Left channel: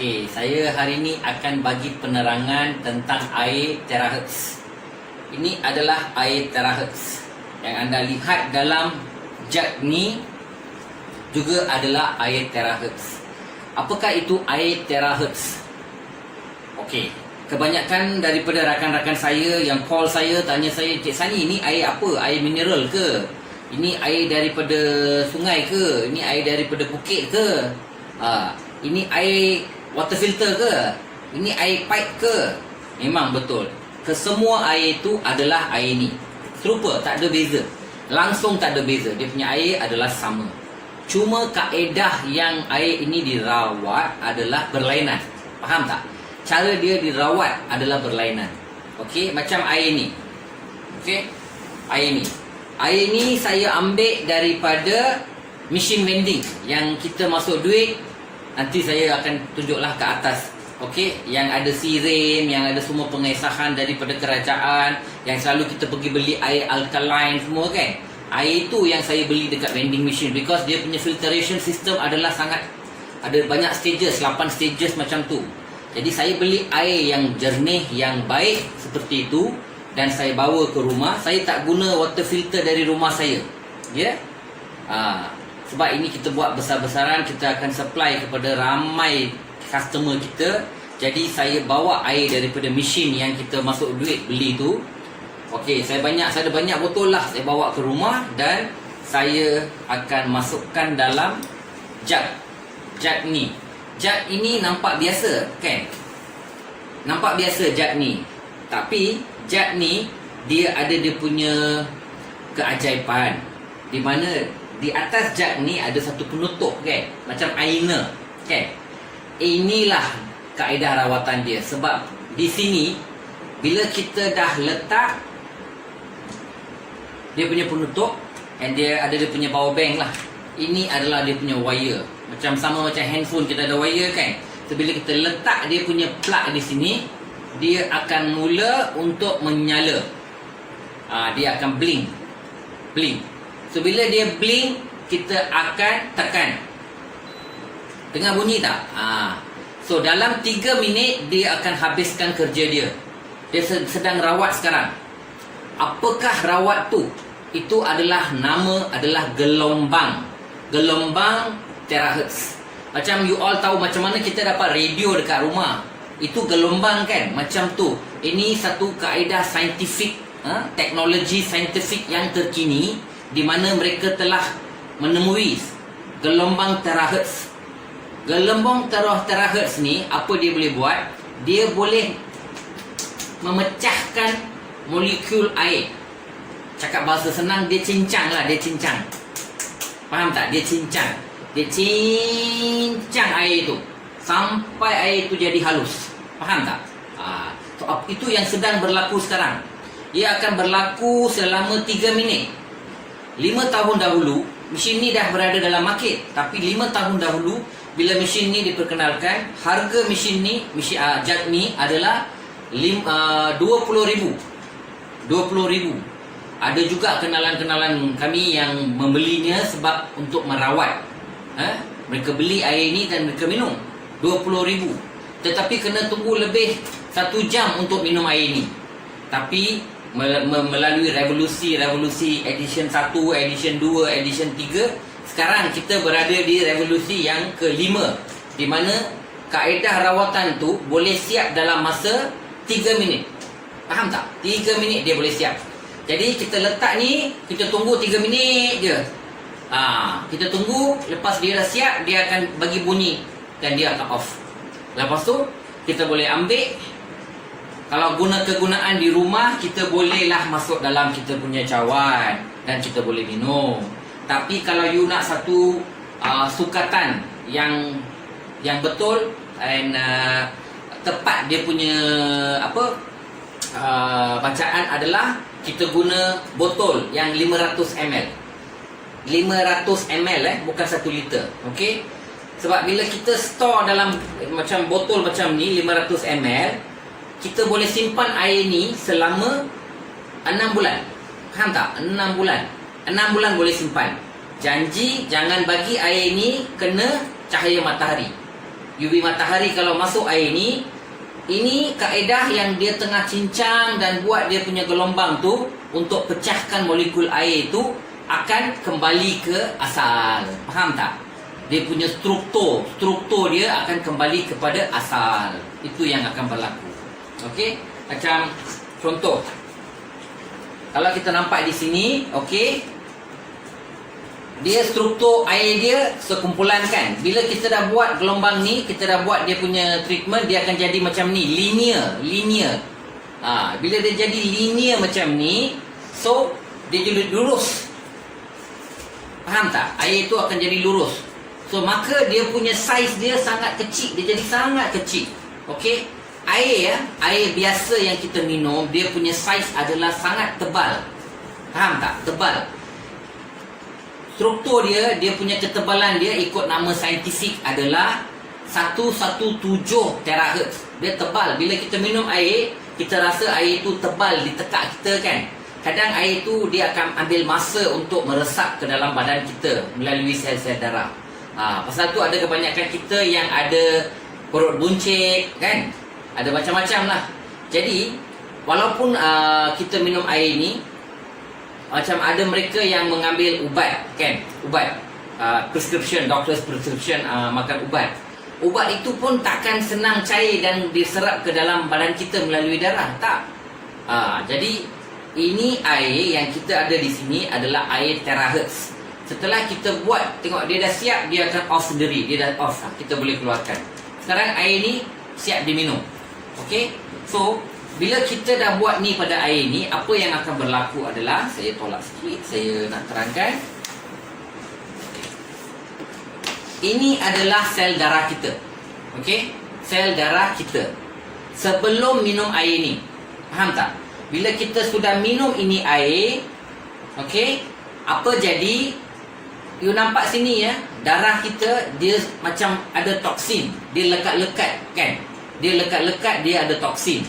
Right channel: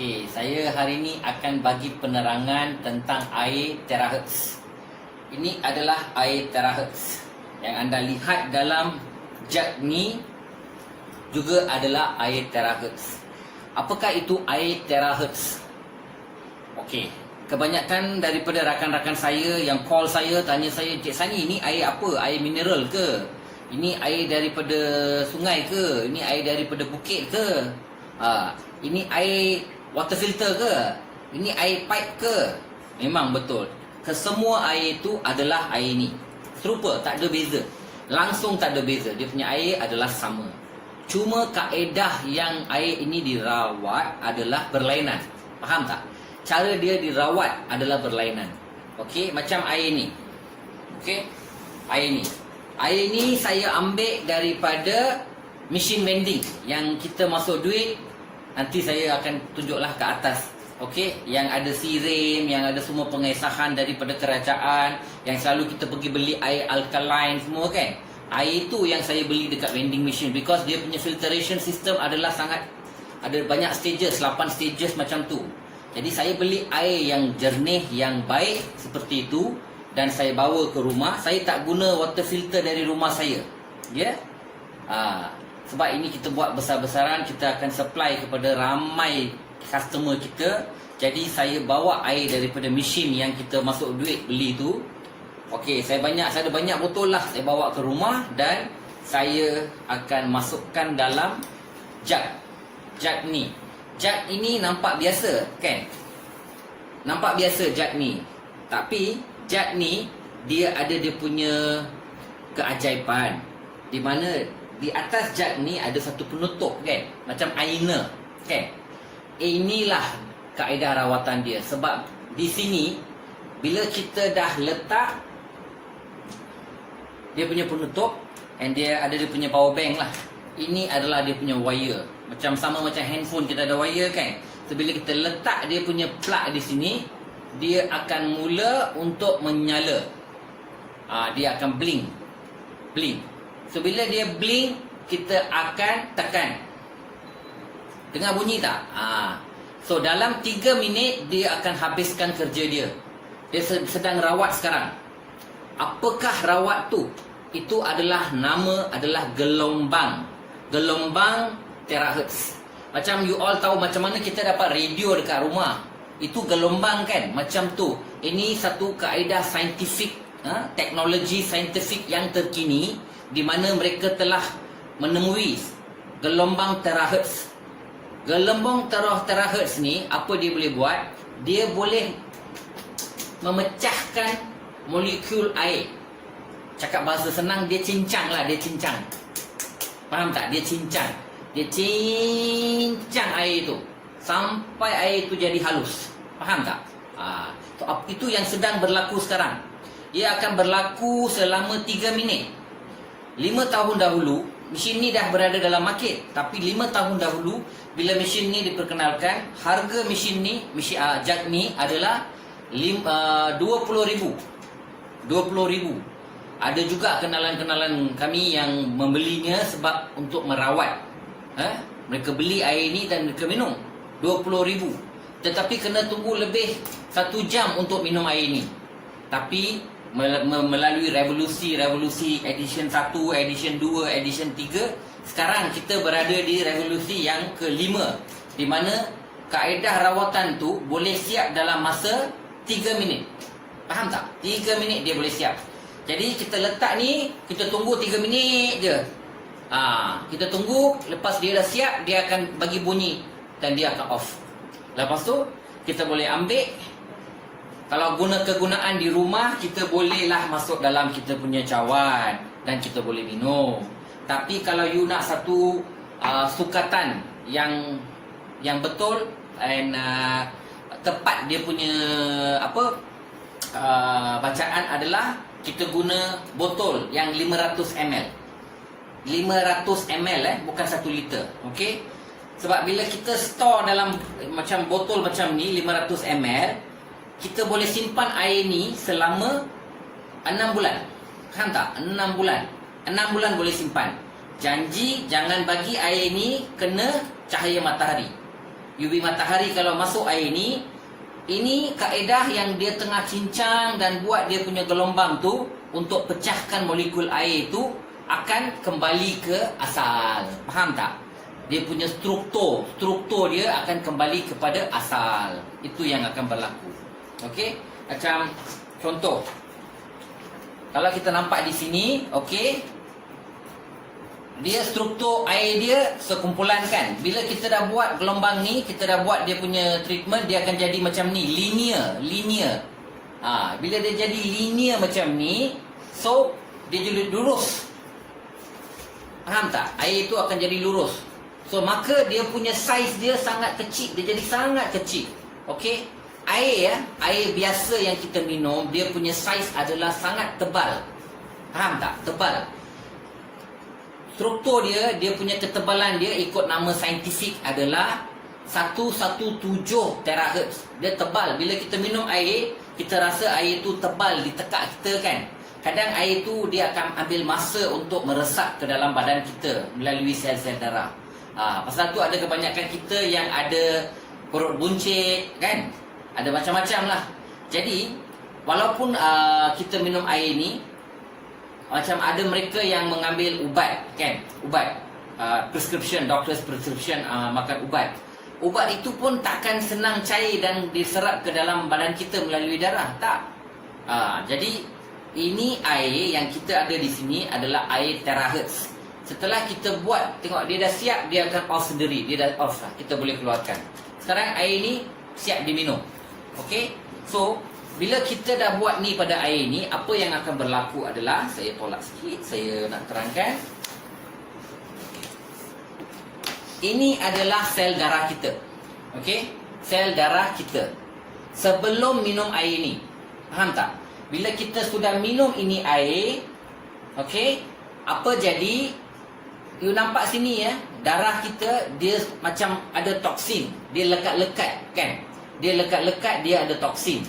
Okey, saya hari ini akan bagi penerangan tentang air terahertz. Ini adalah air terahertz yang anda lihat dalam jug ni juga adalah air terahertz. Apakah itu air terahertz? Okey, kebanyakan daripada rakan-rakan saya yang call saya tanya saya, Cik Sani, ini air apa? Air mineral ke? Ini air daripada sungai ke? Ini air daripada bukit ke? Ini air water filter ke? Ini air pipe ke? Memang betul. Kesemua air itu adalah air ni. Serupa, tak ada beza. Langsung tak ada beza. Dia punya air adalah sama. Cuma kaedah yang air ini dirawat adalah berlainan. Faham tak? Cara dia dirawat adalah berlainan. Okey, macam air ni. Okey, air ni. Air ni saya ambil daripada mesin vending yang kita masuk duit. Nanti saya akan tunjuklah ke atas. Okey, yang ada sirim, yang ada semua pengesahan daripada kerajaan, yang selalu kita pergi beli air alkaline semua kan. Air itu yang saya beli dekat vending machine because dia punya filtration system adalah sangat ada banyak stages, 8 stages macam tu. Jadi saya beli air yang jernih, yang baik seperti itu dan saya bawa ke rumah. Saya tak guna water filter dari rumah saya. Ya? Sebab ini kita buat besar-besaran, kita akan supply kepada ramai customer kita. Jadi saya bawa air daripada mesin yang kita masuk duit beli tu. Okey, saya ada banyak botol lah. Saya bawa ke rumah dan saya akan masukkan dalam jug. Jug ni. Jug ini nampak biasa, kan? Nampak biasa jug ni. Tapi jug ni dia ada dia punya keajaiban. Di mana di atas jug ni ada satu penutup, kan? Macam aina, kan? Inilah kaedah rawatan dia. Sebab di sini bila kita dah letak dia punya penutup dan dia ada dia punya power bank lah. Ini adalah dia punya wire. Macam sama macam handphone kita ada wire, kan? So bila kita letak dia punya plug di sini, dia akan mula untuk menyala. Dia akan blink. So bila dia blink, kita akan tekan. Dengar bunyi tak? So dalam 3 minit dia akan habiskan kerja dia. Dia sedang rawat sekarang. Apakah rawat tu? Itu adalah nama adalah gelombang. Gelombang terahertz. Macam you all tahu macam mana kita dapat radio dekat rumah. Itu gelombang, kan? Macam tu. Ini satu kaedah saintifik, teknologi saintifik yang terkini di mana mereka telah menemui gelombang terahertz. Gelombang terahertz ni apa dia boleh buat? Dia boleh memecahkan molekul air. Cakap bahasa senang, dia cincang lah, dia cincang. Faham tak? Dia cincang. Dia cincang air itu sampai air itu jadi halus. Faham tak? So, itu yang sedang berlaku sekarang. Ia akan berlaku selama 3 minit. 5 tahun dahulu mesin ni dah berada dalam market. Tapi 5 tahun dahulu bila mesin ni diperkenalkan, harga mesin ni, jug ni adalah 20,000. 20,000. Ada juga kenalan-kenalan kami yang membelinya sebab untuk merawat. Mereka beli air ni dan mereka minum 20,000. Tetapi kena tunggu lebih 1 jam untuk minum air ni. Tapi melalui revolusi edition 1, edition 2, edition 3, sekarang kita berada di revolusi yang ke-5, di mana kaedah rawatan tu boleh siap dalam masa 3 minit. Faham tak? 3 minit dia boleh siap. Jadi kita letak ni, kita tunggu 3 minit je. Kita tunggu, lepas dia dah siap, dia akan bagi bunyi dan dia akan off. Lepas tu kita boleh ambil. Kalau kegunaan di rumah, kita bolehlah masuk dalam kita punya cawan dan kita boleh minum. Tapi kalau you nak satu sukatan yang betul dan tepat dia punya bacaan adalah kita guna botol yang 500 ml. 500 ml bukan 1 liter. Okey? Sebab bila kita store dalam macam botol macam ni 500 ml, kita boleh simpan air ni selama 6 bulan. Faham tak? 6 bulan. 6 bulan boleh simpan. Janji jangan bagi air ni kena cahaya matahari. UV matahari kalau masuk air ni, ini kaedah yang dia tengah cincang dan buat dia punya gelombang tu untuk pecahkan molekul air tu akan kembali ke asal. Faham tak? Dia punya struktur dia akan kembali kepada asal. Itu yang akan berlaku. Okey? Macam contoh. Kalau kita nampak di sini, okey, dia struktur air dia sekumpulan kan. Bila kita dah buat gelombang ni, kita dah buat dia punya treatment, dia akan jadi macam ni, linear. Bila dia jadi linear macam ni, so dia jadi lurus. Faham tak? Air tu akan jadi lurus. So maka dia punya saiz dia sangat kecil, dia jadi sangat kecil. Okey? Air biasa yang kita minum, dia punya saiz adalah sangat tebal. Faham tak? Tebal. Struktur dia punya ketebalan dia ikut nama saintifik adalah 117 terahertz. Dia tebal. Bila kita minum air, kita rasa air itu tebal di tekak kita kan. Kadang air itu dia akan ambil masa untuk meresap ke dalam badan kita melalui sel-sel darah. Pasal tu ada kebanyakan kita yang ada perut buncit kan. Ada macam-macam lah. Jadi walaupun kita minum air ni, macam ada mereka yang mengambil ubat kan, ubat prescription, doctor's prescription, makan ubat. Ubat itu pun takkan senang cair dan diserap ke dalam badan kita melalui darah, tak. Jadi ini air yang kita ada di sini adalah air terahertz. Setelah kita buat, tengok dia dah siap, dia akan off sendiri. Dia dah off, kita boleh keluarkan. Sekarang air ni siap diminum. Okey, so bila kita dah buat ni pada air ni, apa yang akan berlaku adalah, saya tolak sikit, saya nak terangkan. Ini adalah sel darah kita. Okey, sel darah kita sebelum minum air ni. Faham tak? Bila kita sudah minum ini air, okey, apa jadi? You nampak sini ya, darah kita dia macam ada toksin. Dia lekat-lekat kan? Dia lekat-lekat, dia ada toksin.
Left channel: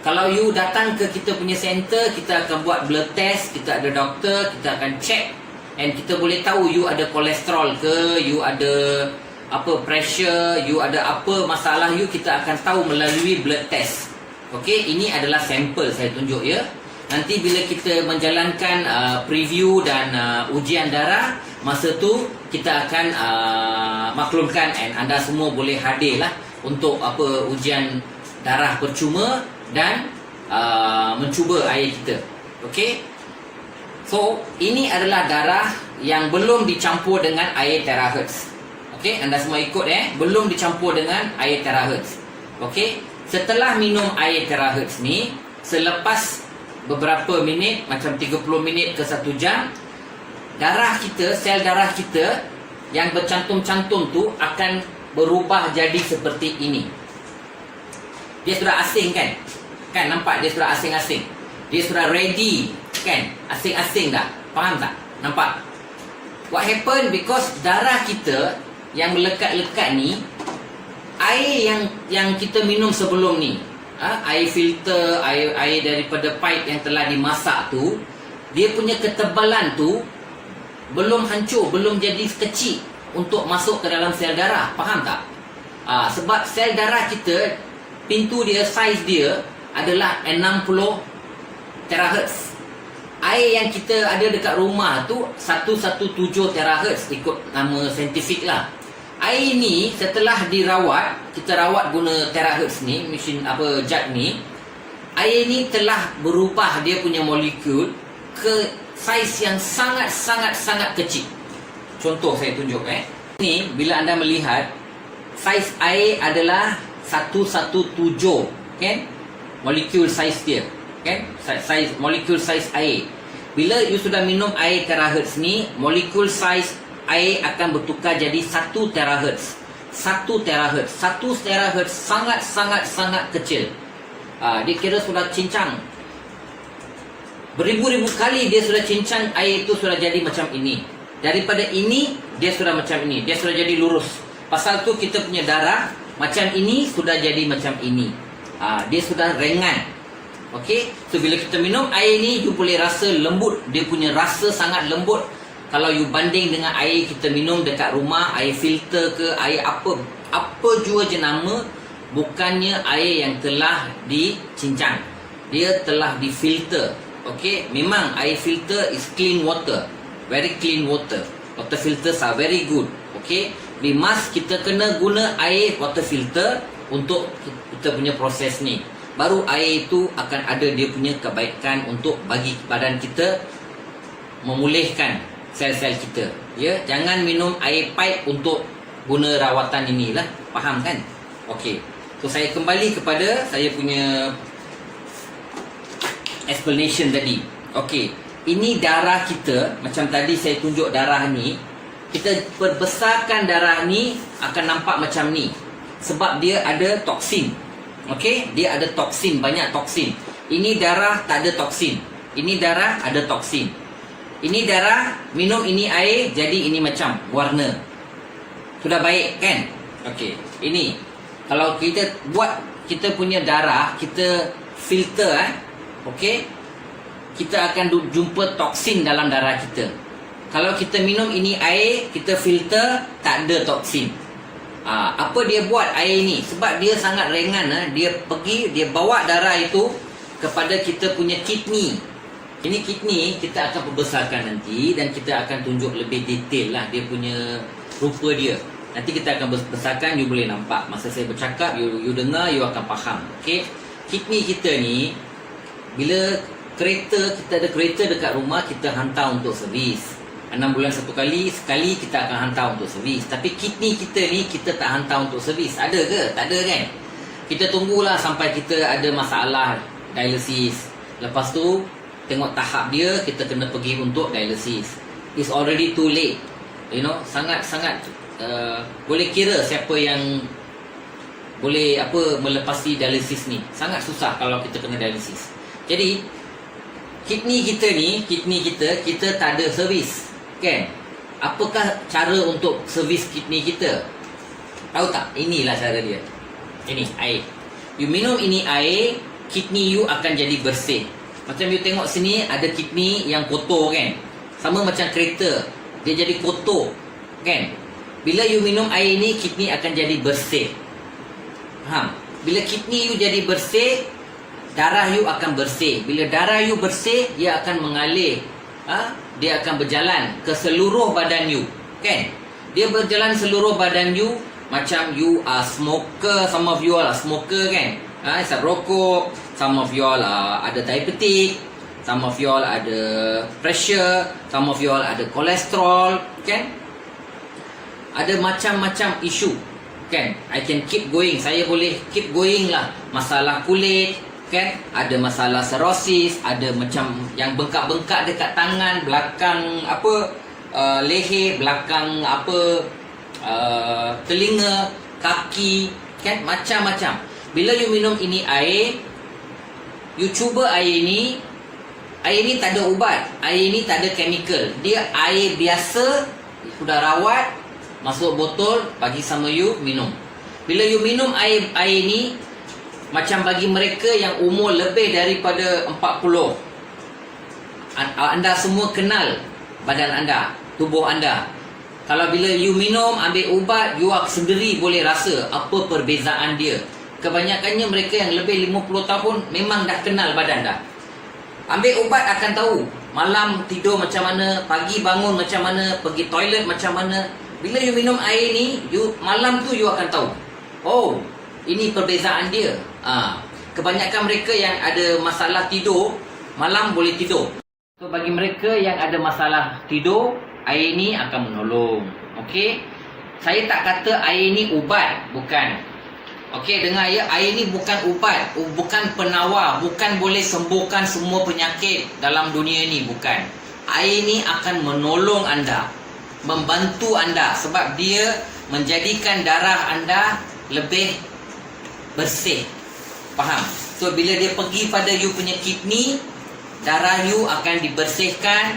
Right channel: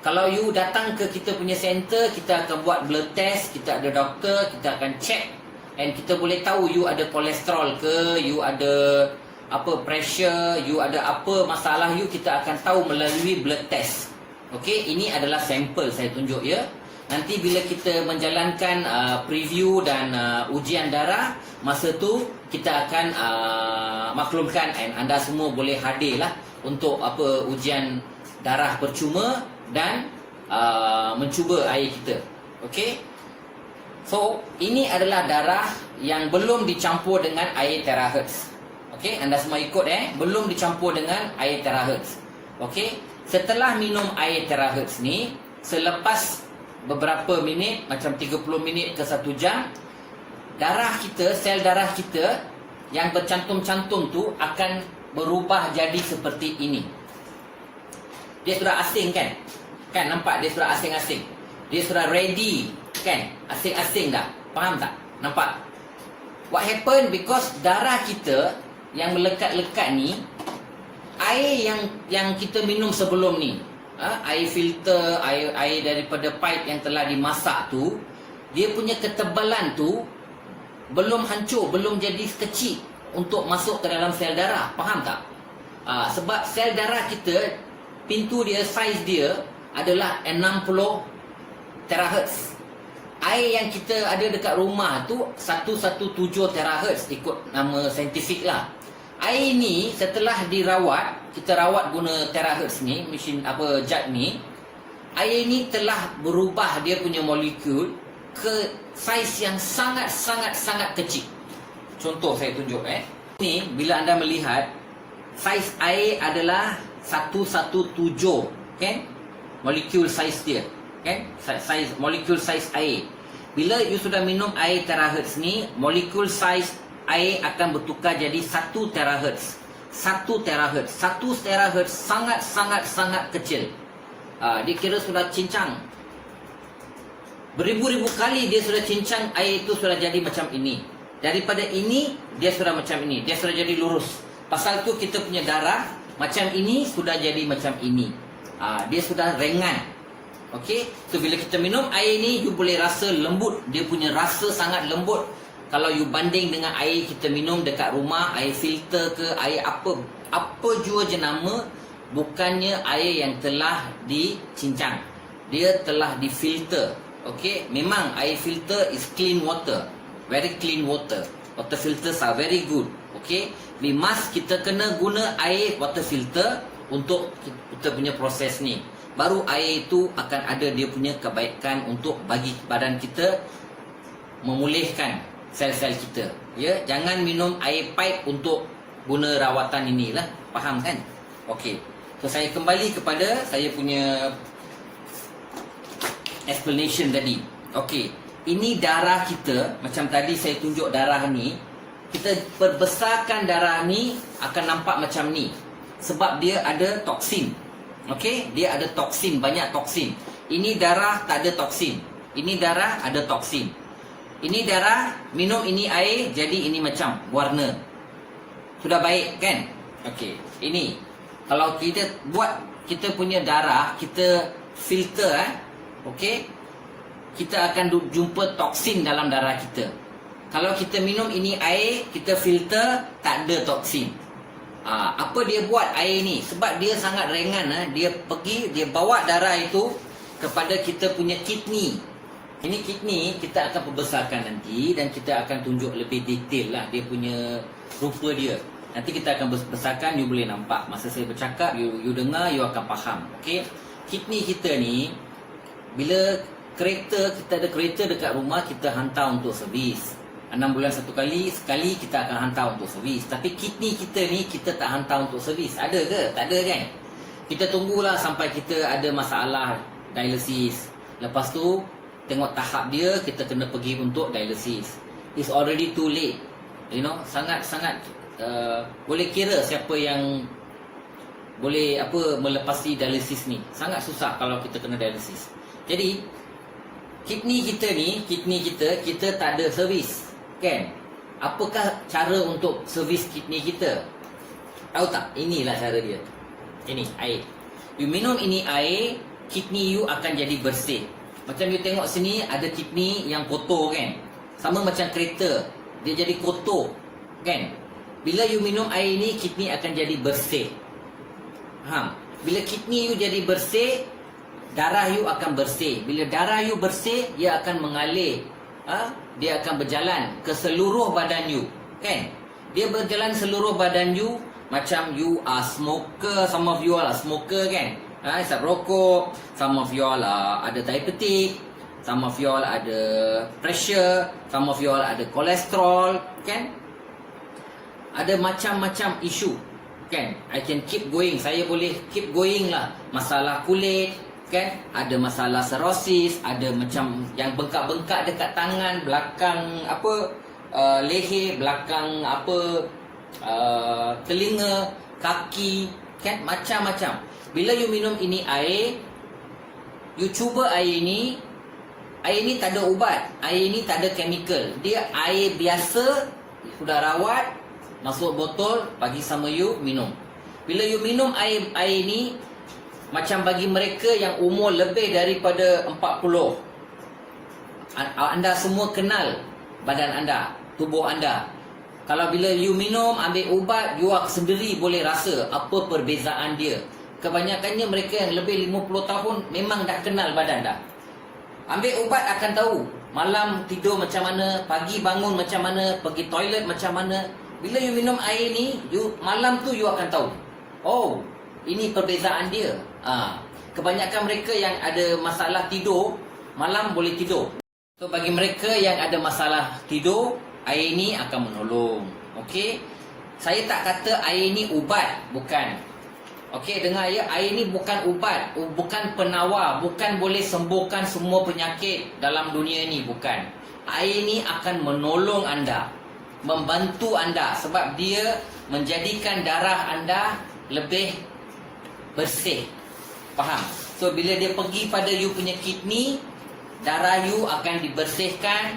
Kalau you datang ke kita punya center, kita akan buat blood test, kita ada doktor, kita akan check, and kita boleh tahu you ada kolesterol ke, you ada apa pressure, you ada apa masalah you, kita akan tahu melalui blood test. Okey, ini adalah sampel saya tunjuk ya. Nanti bila kita menjalankan preview dan ujian darah, masa tu kita akan maklumkan, and anda semua boleh hadir lah untuk apa ujian darah percuma dan mencuba air kita. Okey. So, ini adalah darah yang belum dicampur dengan air terahertz. Okey, anda semua ikut belum dicampur dengan air terahertz. Okey. Setelah minum air terahertz ni, selepas beberapa minit, macam 30 minit ke 1 jam, darah kita, sel darah kita yang bercantum-cantum tu akan berubah jadi seperti ini. Dia sudah asing kan? Kan nampak dia sudah asing-asing. Dia sudah ready kan? Asing-asing dah. Faham tak? Nampak? What happened? Because darah kita yang melekat-lekat ni, air yang kita minum sebelum ni, air filter, air daripada pipe yang telah dimasak tu, dia punya ketebalan tu belum hancur, belum jadi kecil untuk masuk ke dalam sel darah. Faham tak? Sebab sel darah kita, pintu dia, saiz dia adalah 60 terahertz. Air yang kita ada dekat rumah tu 117 terahertz ikut nama saintifik lah. Air ni setelah dirawat, kita rawat guna terahertz ni, mesin apa jet ni, air ni telah berubah dia punya molekul ke saiz yang sangat kecil. Contoh saya tunjuk ni, bila anda melihat saiz air adalah 117 kan? Molekul saiz dia kan? Saiz molekul saiz air. Bila you sudah minum air terahertz ni, molekul saiz air akan bertukar jadi 1 terahertz. 1 terahertz. 1 terahertz sangat kecil. Dia kira sudah cincang. Beribu-ribu kali dia sudah cincang, air itu sudah jadi macam ini. Daripada ini, dia sudah macam ini. Dia sudah jadi lurus. Pasal tu kita punya darah macam ini sudah jadi macam ini. Dia sudah ringan. Okey. So bila kita minum air ni, you boleh rasa lembut. Dia punya rasa sangat lembut. Kalau you banding dengan air kita minum dekat rumah, air filter ke, air apa, apa jua jenama, bukannya air yang telah dicincang. Dia telah difilter. Okey, memang air filter is clean water. Very clean water. Water filters are very good. Okey, kita kena guna air water filter untuk kita punya proses ni. Baru air itu akan ada dia punya kebaikan untuk bagi badan kita memulihkan sel-sel kita. Ya, jangan minum air pipe untuk guna rawatan inilah. Faham kan? Okey. So saya kembali kepada saya punya explanation tadi. Okey. Ini darah kita, macam tadi saya tunjuk darah ni. Kita perbesarkan darah ni akan nampak macam ni. Sebab dia ada toksin. Okey, dia ada toksin, banyak toksin. Ini darah tak ada toksin. Ini darah ada toksin. Ini darah, minum ini air, jadi ini macam warna. Sudah baik kan? Okey, ini kalau kita buat kita punya darah, kita filter okey, kita akan jumpa toksin dalam darah kita. Kalau kita minum ini air, kita filter, tak ada toksin. Apa dia buat air ni? Sebab dia sangat ringan. Dia bawa darah itu kepada kita punya kidney. Ini kidney kita akan perbesarkan nanti, dan kita akan tunjuk lebih detail lah dia punya rupa dia. Nanti kita akan besarkan, you boleh nampak. Masa saya bercakap, you dengar, you akan faham. Okay? Kidney kita ni, bila kereta, kita ada kereta dekat rumah, kita hantar untuk servis. 6 bulan sekali kita akan hantar untuk servis. Tapi kidney kita ni, kita tak hantar untuk servis. Ada ke? Tak ada kan? Kita tunggulah sampai kita ada masalah dialisis. Lepas tu, tengok tahap dia, kita kena pergi untuk dialisis. It's already too late. You know, sangat-sangat boleh kira siapa yang boleh melepasi dialisis ni. Sangat susah kalau kita kena dialisis. Jadi kidney kita tak ada servis, kan? Apakah cara untuk servis kidney kita? Tahu tak? Inilah cara dia. Ini air. You minum ini air, kidney you akan jadi bersih. Macam you tengok sini, ada kidney yang kotor, kan? Sama macam kereta, dia jadi kotor, kan? Bila you minum air ni, kidney akan jadi bersih. Bila kidney you jadi bersih, darah you akan bersih. Bila darah you bersih, dia akan mengalir. Dia akan berjalan ke seluruh badan you, kan? Dia berjalan seluruh badan you. Macam you are smoker, some of you all are smoker, kan? Isap rokok. Some of you all ada diabetic. Some of you all ada pressure. Some of you all ada kolesterol, kan? Ada macam-macam isu, kan? I can keep going. Saya boleh keep going lah. Masalah kulit, kan? Ada masalah cirrhosis, ada macam yang bengkak-bengkak dekat tangan, belakang leher, belakang telinga, kaki, kan? Macam-macam. Bila you minum ini air, you cuba air ni tak ada ubat, air ni tak ada chemical. Dia air biasa, sudah rawat, masuk botol, bagi sama you, minum. Bila you minum air ni, macam bagi mereka yang umur lebih daripada 40, anda semua kenal badan anda, tubuh anda. Kalau bila you minum, ambil ubat, you sendiri boleh rasa apa perbezaan dia. Kebanyakannya mereka yang lebih 50 tahun memang dah kenal badan dah. Ambil ubat akan tahu malam tidur macam mana, pagi bangun macam mana, pergi toilet macam mana. Bila you minum air ni, malam tu you akan tahu, oh, ini perbezaan dia. Kebanyakan mereka yang ada masalah tidur, malam boleh tidur. So bagi mereka yang ada masalah tidur, air ni akan menolong. Okey, saya tak kata air ni ubat, bukan. Okey, dengar ya, air ni bukan ubat, bukan penawar, bukan boleh sembuhkan semua penyakit dalam dunia ni, bukan. Air ni akan menolong anda, membantu anda, sebab dia menjadikan darah anda lebih bersih. Faham? So bila dia pergi pada you punya kidney, darah you akan dibersihkan,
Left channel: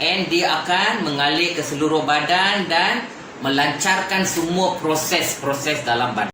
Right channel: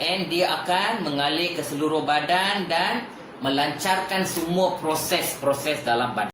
and dia akan mengalir ke seluruh badan dan melancarkan semua proses-proses dalam badan.